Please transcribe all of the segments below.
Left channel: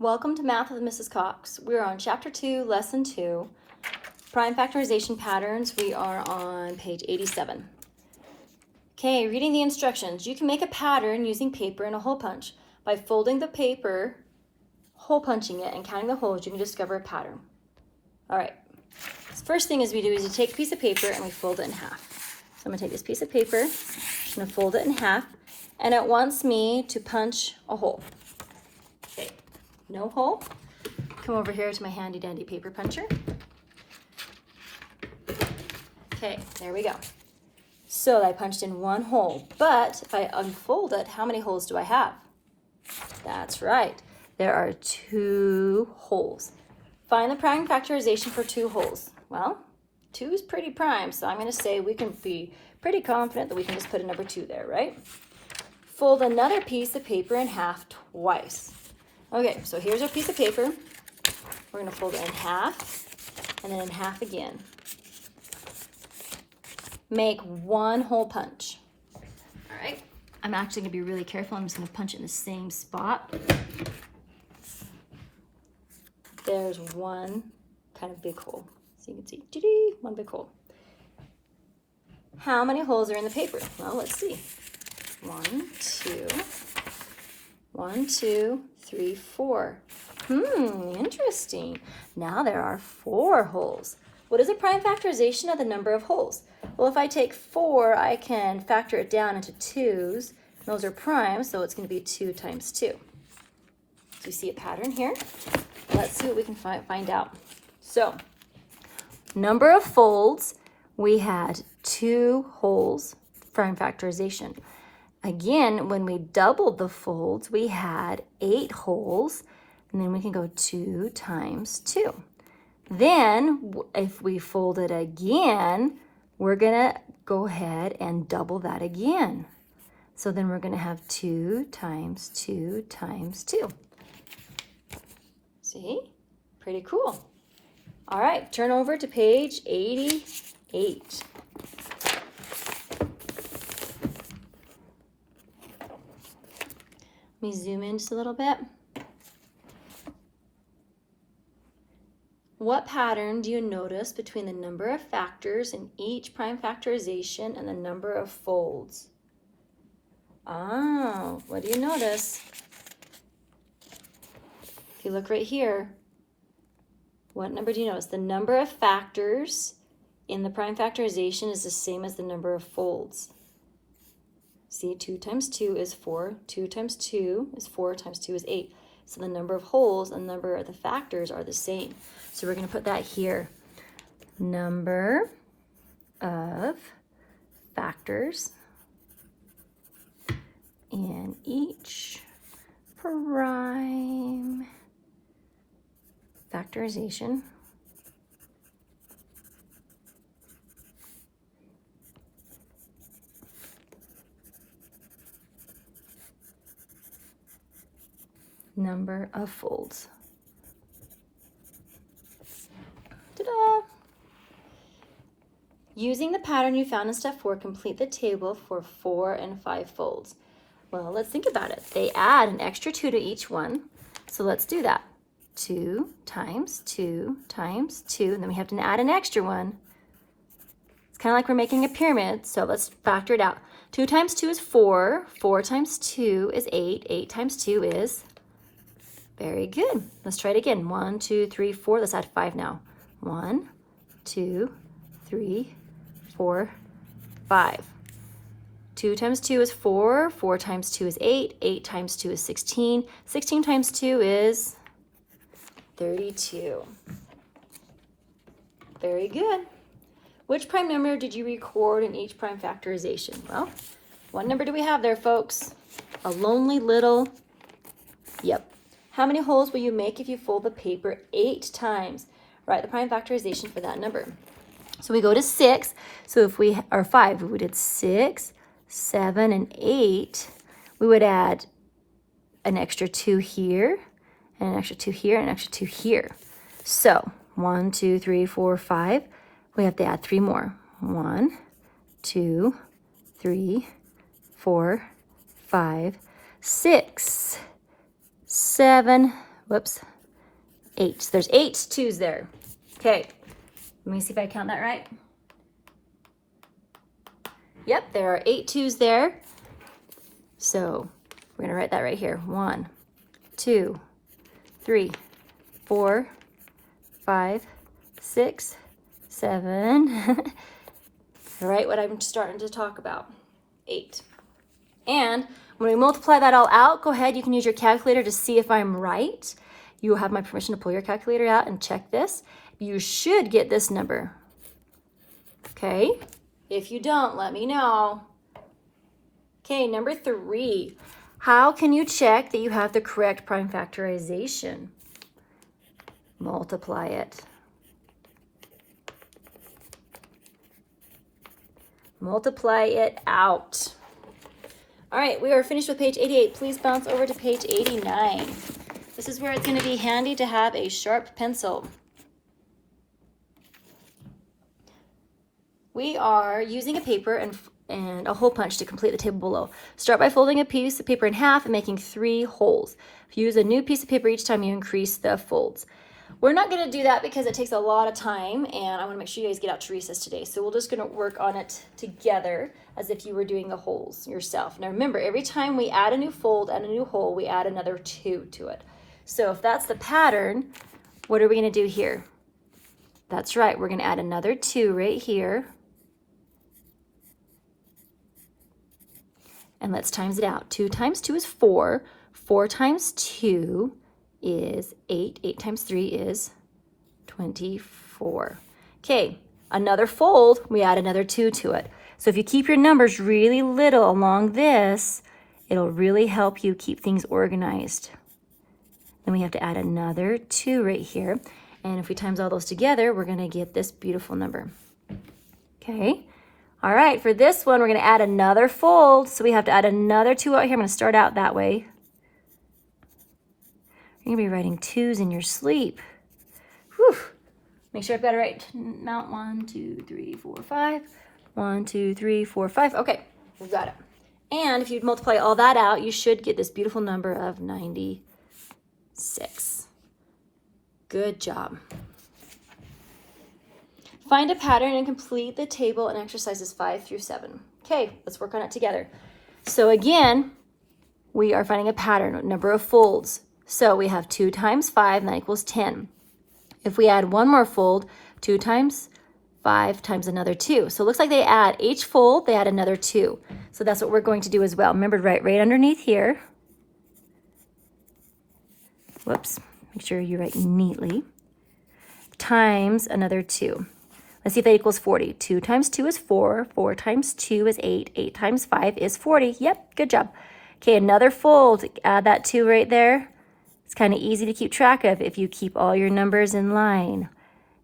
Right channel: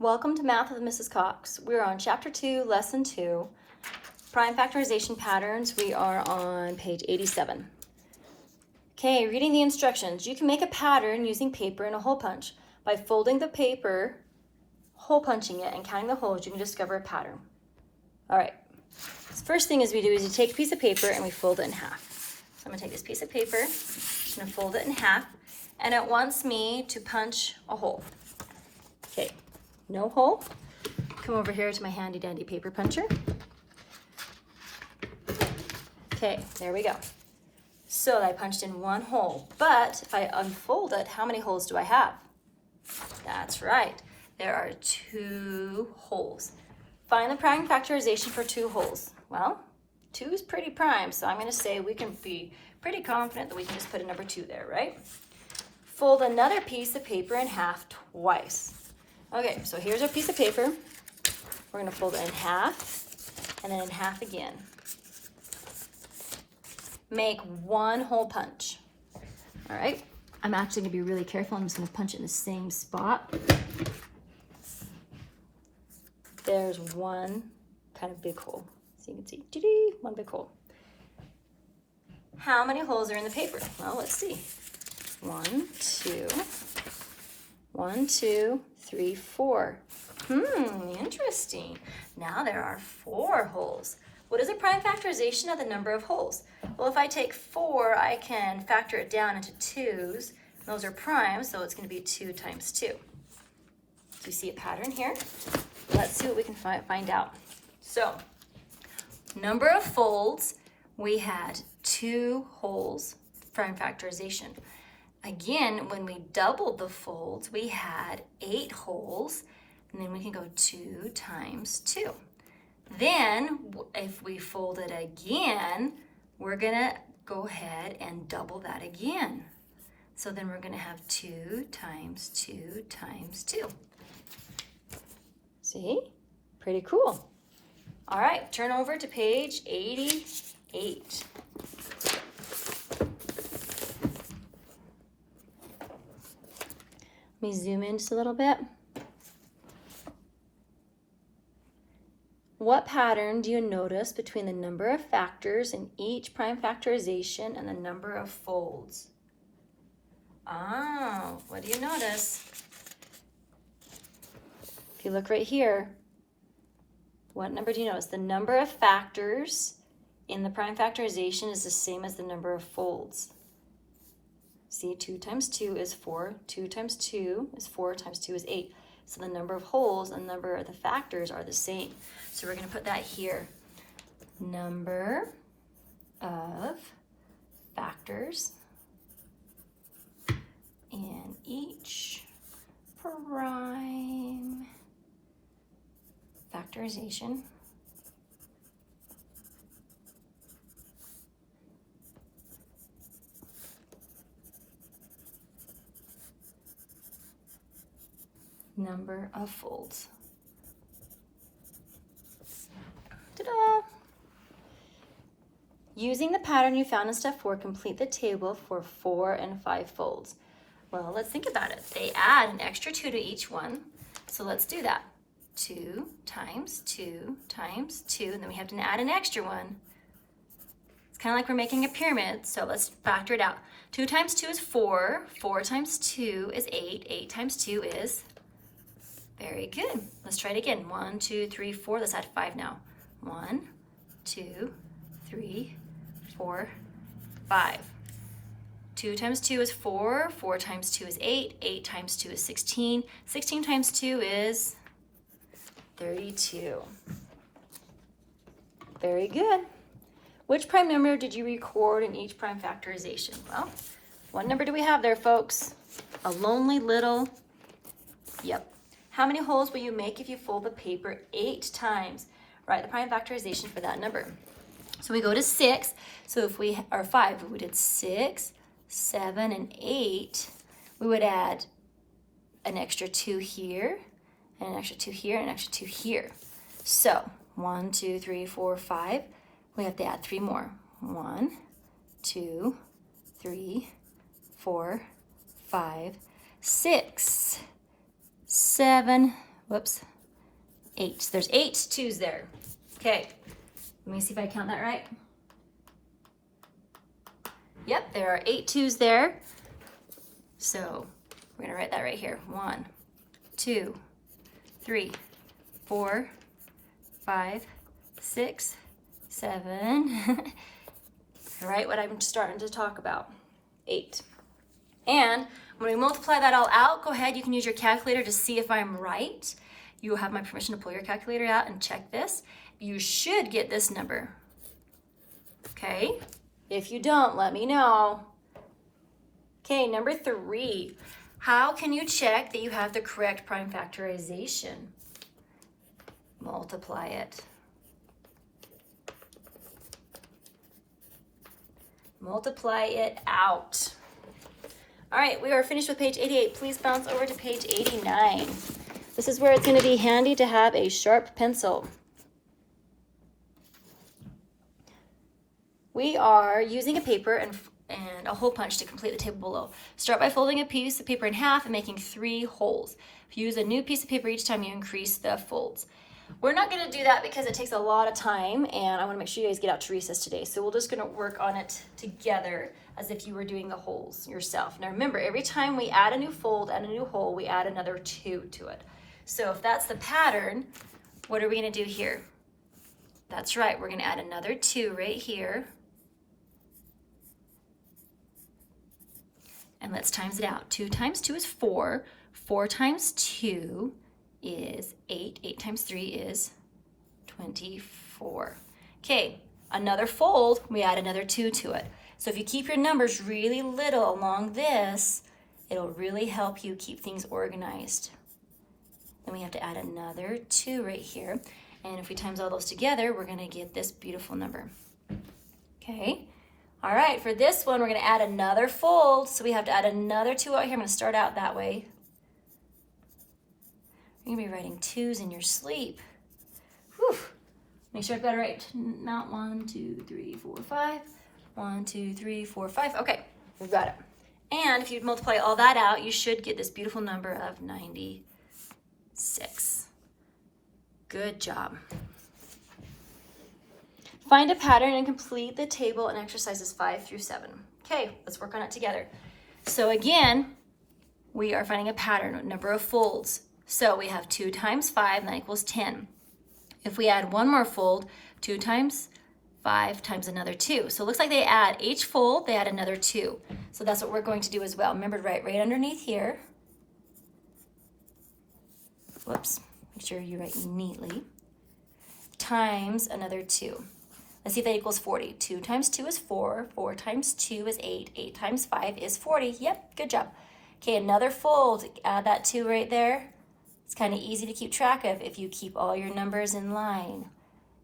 Welcome to Math with Mrs. Cox. We're on Chapter 2, Lesson 2, Prime Factorization Patterns. We are on page 87. Okay, reading the instructions. You can make a pattern using paper and a hole punch. By folding the paper, hole punching it, and counting the holes, you can discover a pattern. All right, the first thing we do is you take a piece of paper and we fold it in half. So I'm going to take this piece of paper, I'm going to fold it in half, and it wants me to punch a hole. Okay. No hole. Come over here to my handy dandy paper puncher. Okay, there we go. So I punched in one hole, but if I unfold it, how many holes do I have? That's right, there are 2 holes. Find the prime factorization for 2 holes. Well, 2 is pretty prime, so I'm going to say we can be pretty confident that we can just put a number 2 there, right? Fold another piece of paper in half twice. Okay, so here's our piece of paper. We're going to fold it in half and then in half again. Make 1 hole punch. All right, I'm actually going to be really careful. I'm just going to punch it in the same spot. There's 1 kind of big hole. So you can see, 1 big hole. How many holes are in the paper? Well, let's see. 1, 2, 1, 2, 3, 4. Interesting. Now there are 4 holes. What is a prime factorization of the number of holes? Well, if I take 4, I can factor it down into 2's. Those are prime, so it's going to be 2 times 2. Do you see a pattern here? Let's see what we can find out. So, number of folds, we had 2 holes, prime factorization. Again, when we doubled the folds, we had 8 holes, and then we can go 2 times 2. Then, if we fold it again, we're gonna go ahead and double that again. So then we're gonna have 2 times 2 times 2. See? Pretty cool. All right, turn over to page 88. Let me zoom in just a little bit. What pattern do you notice between the number of factors in each prime factorization and the number of folds? Oh, what do you notice? If you look right here, what number do you notice? The number of factors in the prime factorization is the same as the number of folds. See, 2 times 2 is 4. 2 times 2 is 4 times 2 is 8. So the number of holes and the number of the factors are the same. So we're going to put that here. Number of factors in each prime factorization number of folds. Ta-da! Using the pattern you found in step 4, complete the table for 4 and 5 folds. Well, let's think about it. They add an extra 2 to each one. So let's do that. 2 times 2 times 2, and then we have to add an extra one. It's kind of like we're making a pyramid, so let's factor it out. 2 times 2 is 4. 4 times 2 is 8. 8 times 2 is... Very good. Let's try it again. 1, 2, 3, 4. Let's add 5 now. 1, 2, 3, 4, 5. 2 times 2 is 4. 4 times 2 is 8. 8 times 2 is 16. 16 times 2 is 32. Very good. Which prime number did you record in each prime factorization? Well, what number do we have there, folks? A lonely little... Yep. How many holes will you make if you fold the paper 8 times? Write the prime factorization for that number. So we go to 6. So if we are 5, if we did 6, 7, and 8, we would add an extra 2 here, and an extra 2 here, and an extra 2 here. So 1, 2, 3, 4, 5. We have to add 3 more. 1, 2, 3, 4, 5, 6, 7, whoops, 8. So there's 8 2s there. Okay, let me see if I count that right. Yep, there are 8 2s there. So we're gonna write that right here. 1, 2, 3, 4, 5, 6, 7. Right, what I'm starting to talk about. 8. And when we multiply that all out, go ahead, you can use your calculator to see if I'm right. You will have my permission to pull your calculator out and check this. You should get this number. Okay? If you don't, let me know. Okay, number 3. How can you check that you have the correct prime factorization? Multiply it. Multiply it out. All right, we are finished with page 88. Please bounce over to page 89. This is where it's going to be handy to have a sharp pencil. We are using a paper and a hole punch to complete the table below. Start by folding a piece of paper in half and making 3 holes. If you use a new piece of paper each time, you increase the folds. We're not going to do that because it takes a lot of time, and I want to make sure you guys get out to recess today. So we're just going to work on it together as if you were doing the holes yourself. Now remember, every time we add a new fold and a new hole, we add another 2 to it. So if that's the pattern, what are we going to do here? That's right, we're going to add another 2 right here. And let's times it out. 2 times 2 is 4. 4 times 2 is 8. 8 times 3 is 24. Okay, another fold, we add another 2 to it. So if you keep your numbers really little along this, it'll really help you keep things organized. Then we have to add another 2 right here. And if we times all those together, we're going to get this beautiful number. Okay. All right, for this one, we're going to add another fold. So we have to add another 2 out here. I'm going to start out that way. You're going to be writing 2s in your sleep. Whew. Make sure I've got it right. Mount 1, 2, 3, 4, 5. 1, 2, 3, 4, 5. Okay, we've got it. And if you multiply all that out, you should get this beautiful number of 96. Good job. Find a pattern and complete the table in exercises 5 through 7. Okay, let's work on it together. So again, we are finding a pattern, number of folds. So we have 2 times 5, and that equals 10. If we add one more fold, 2 times 5 times another 2. So it looks like they add each fold, they add another 2. So that's what we're going to do as well. Remember, right underneath here. Whoops, make sure you write neatly. Times another 2. Let's see if that equals 40. 2 times 2 is 4. 4 times 2 is 8. 8 times 5 is 40. Yep, good job. Okay, another fold. Add that 2 right there. It's kind of easy to keep track of if you keep all your numbers in line.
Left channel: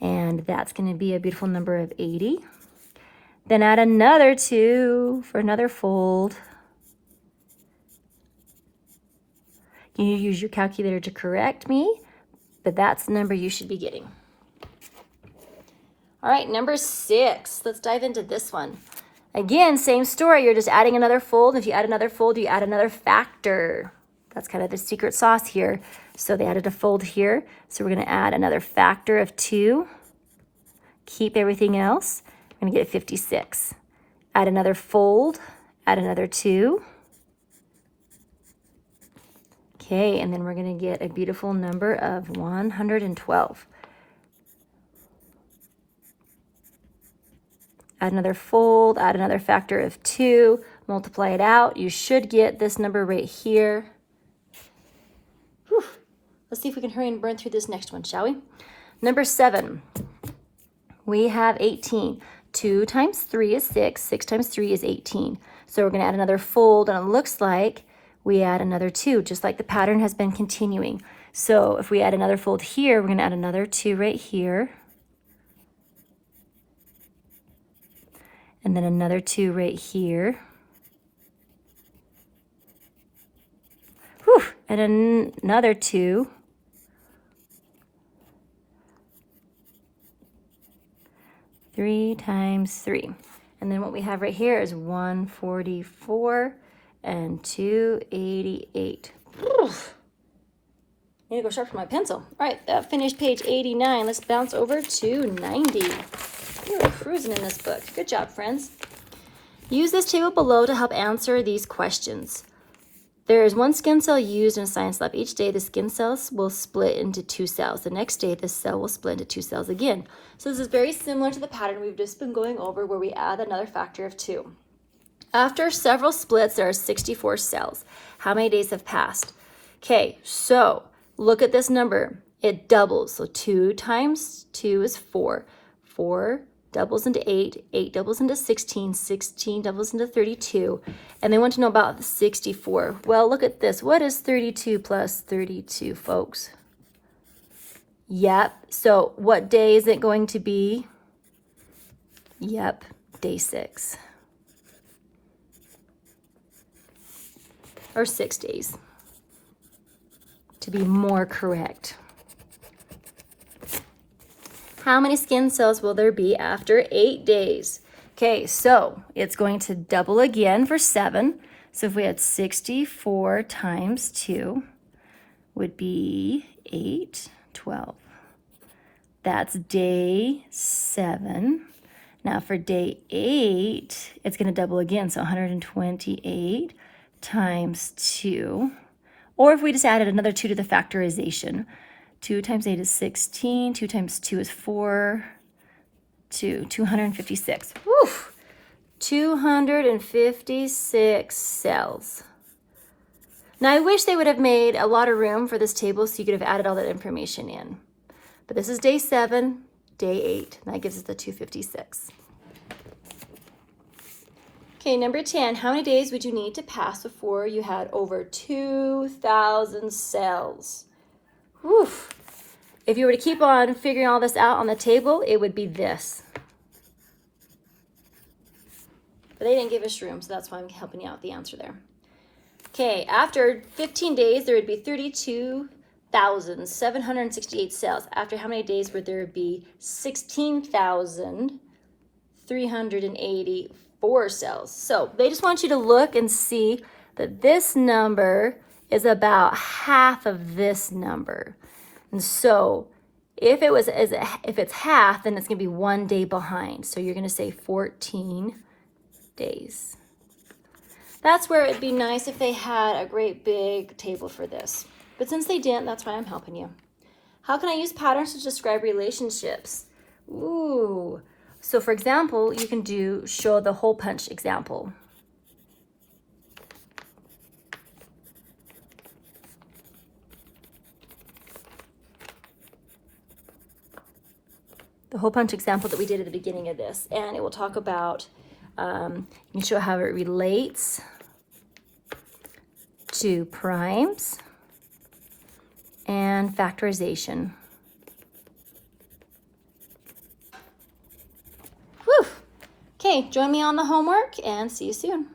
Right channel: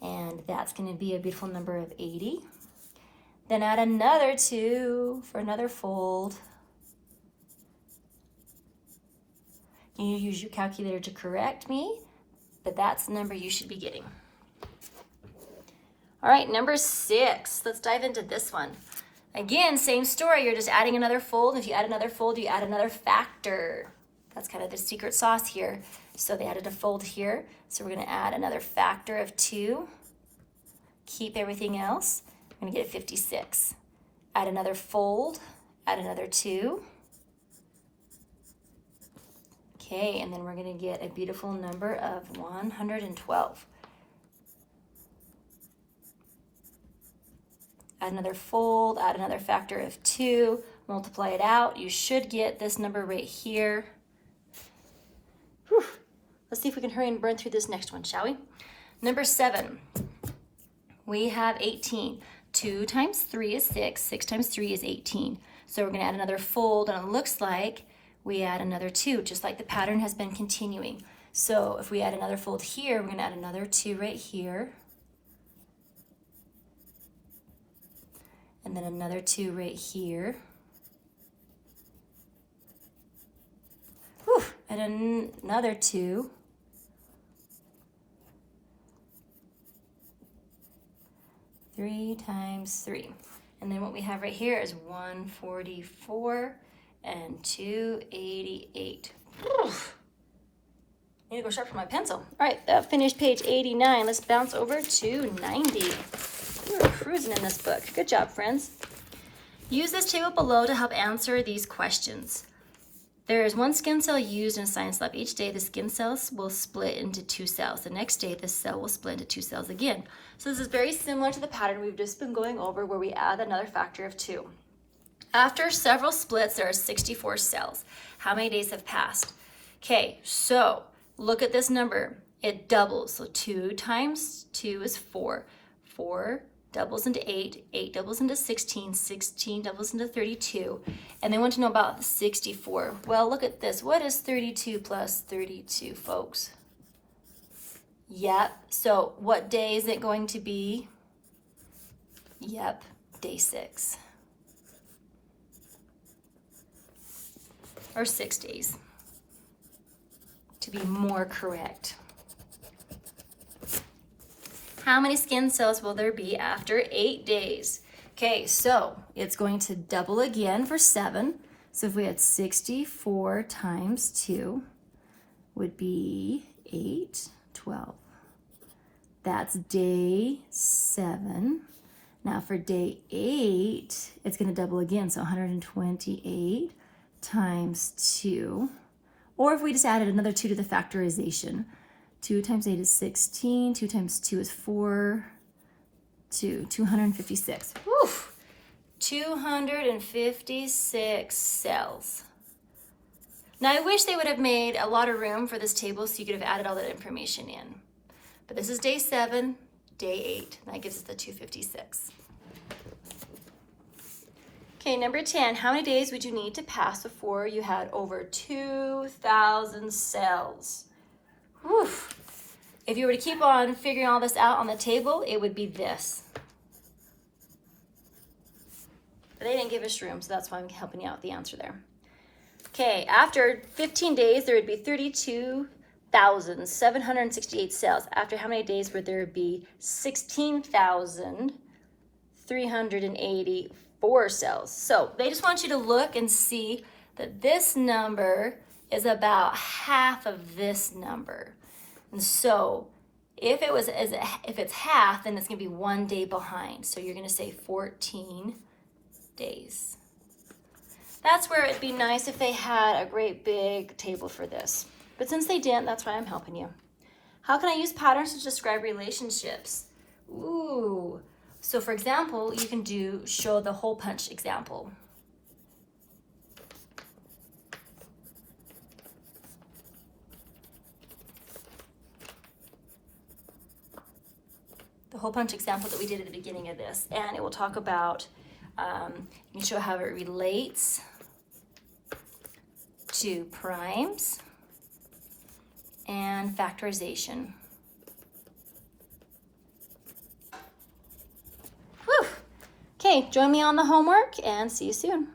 And that's going to be a beautiful number of 80. Then add another 2 for another fold. You need to use your calculator to correct me, but that's the number you should be getting. All right, number 6. Let's dive into this one. Again, same story. You're just adding another fold. If you add another fold, you add another factor. That's kind of the secret sauce here. So they added a fold here. So we're going to add another factor of 2. Keep everything else. We're going to get 56. Add another fold. Add another 2. Okay, and then we're going to get a beautiful number of 112. Add another fold, add another factor of 2, multiply it out. You should get this number right here. Whew. Let's see if we can hurry and burn through this next one, shall we? Number 7, we have 18. 2 times 3 is 6, 6 times 3 is 18. So we're going to add another fold, and it looks like we add another 2, just like the pattern has been continuing. So if we add another fold here, we're going to add another 2 right here. And then another 2 right here. Whew, and another 2. Three times 3. And then what we have right here is 144 and 288. Whew. Need to go sharpen my pencil. All right, that finished page 89. Let's bounce over to 90. We're cruising in this book. Good job, friends. Use this table below to help answer these questions. There is one skin cell used in a science lab. Each day, the skin cells will split into 2 cells. The next day, the cell will split into 2 cells again. So this is very similar to the pattern we've just been going over where we add another factor of 2. After several splits, there are 64 cells. How many days have passed? Okay, so look at this number. It doubles. So 2 times 2 is 4. 4 doubles into 8. 8 doubles into 16. 16 doubles into 32. And they want to know about the 64. Well, look at this. What is 32 plus 32, folks? Yep. So what day is it going to be? Yep, day 6. Or 6 days, to be more correct. How many skin cells will there be after 8 days? Okay, so it's going to double again for 7. So if we had 64 times 2 would be 8, 12. That's day 7. Now for day 8, it's going to double again, so 128 times 2. Or if we just added another 2 to the factorization, 2 times 8 is 16, 2 times 2 is 4, 256. Woo! 256 cells. Now I wish they would have made a lot of room for this table so you could have added all that information in. But this is day 7, day 8, and that gives us the 256. Okay, number 10, how many days would you need to pass before you had over 2,000 cells? Whew. If you were to keep on figuring all this out on the table, it would be this. But they didn't give us room, so that's why I'm helping you out with the answer there. Okay, after 15 days, there would be 32,768 cells. After how many days would there be 16,384 cells? So they just want you to look and see that this number is about half of this number. And so if it's half, then it's going to be 1 day behind. So you're going to say 14 days. That's where it'd be nice if they had a great big table for this. But since they didn't, that's why I'm helping you. How can I use patterns to describe relationships? Ooh. So for example, you can show the hole punch example. The hole punch example that we did at the beginning of this. And it will talk about, you can show how it relates to primes and factorization. Whew. Okay, join me on the homework and see you soon.